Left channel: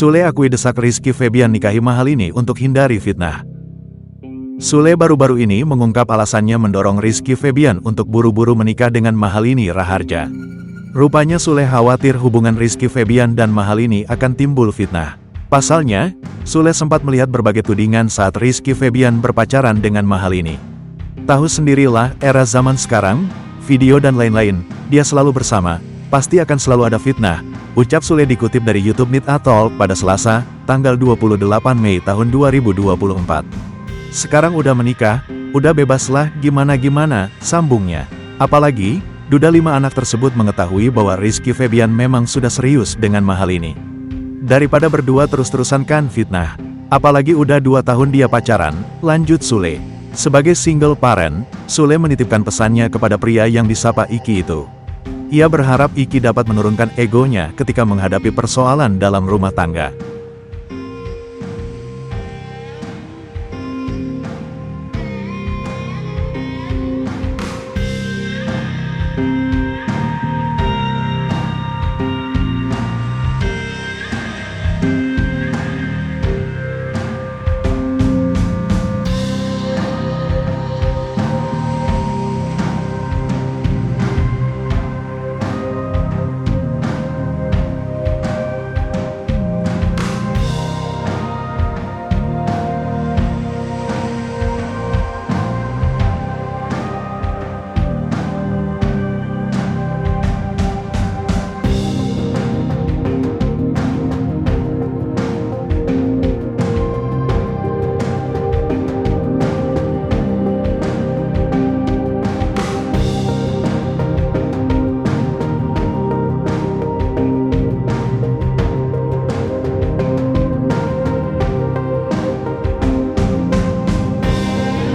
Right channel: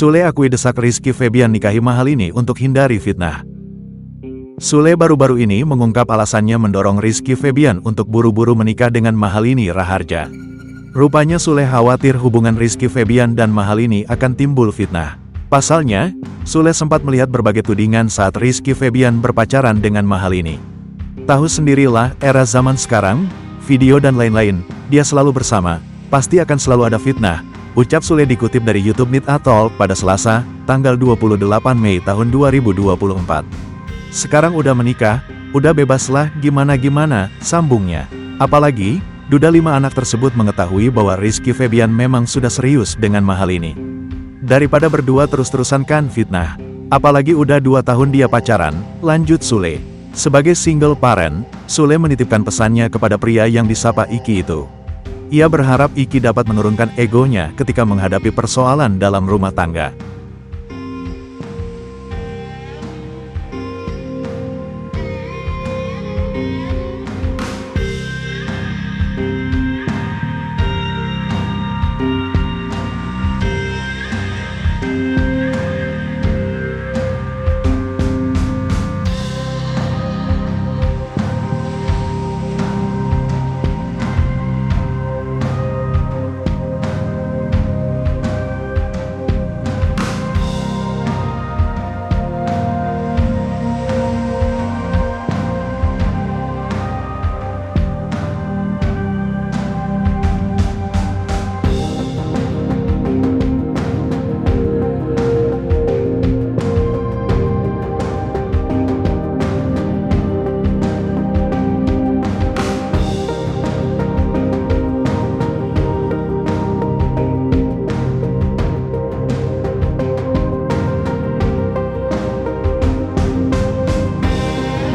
Sule akui desak Rizky Febian nikahi Mahalini untuk hindari fitnah. Sule baru-baru ini mengungkap alasannya mendorong Rizky Febian untuk buru-buru menikah dengan Mahalini Raharja. Rupanya Sule khawatir hubungan Rizky Febian dan Mahalini akan timbul fitnah. Pasalnya, Sule sempat melihat berbagai tudingan saat Rizky Febian berpacaran dengan Mahalini. Tahu sendirilah era zaman sekarang, video dan lain-lain, dia selalu bersama, pasti akan selalu ada fitnah, ucap Sule dikutip dari YouTube Meet Talk pada Selasa, tanggal 28 Mei tahun 2024. Sekarang udah menikah, udah bebaslah gimana-gimana, sambungnya. Apalagi, duda 5 anak tersebut mengetahui bahwa Rizky Febian memang sudah serius dengan Mahalini. Daripada berdua terus-terusan kan fitnah. Apalagi udah 2 tahun dia pacaran, lanjut Sule. Sebagai single parent, Sule menitipkan pesannya kepada pria yang disapa Iki itu. Ia berharap Iki dapat menurunkan egonya ketika menghadapi persoalan dalam rumah tangga.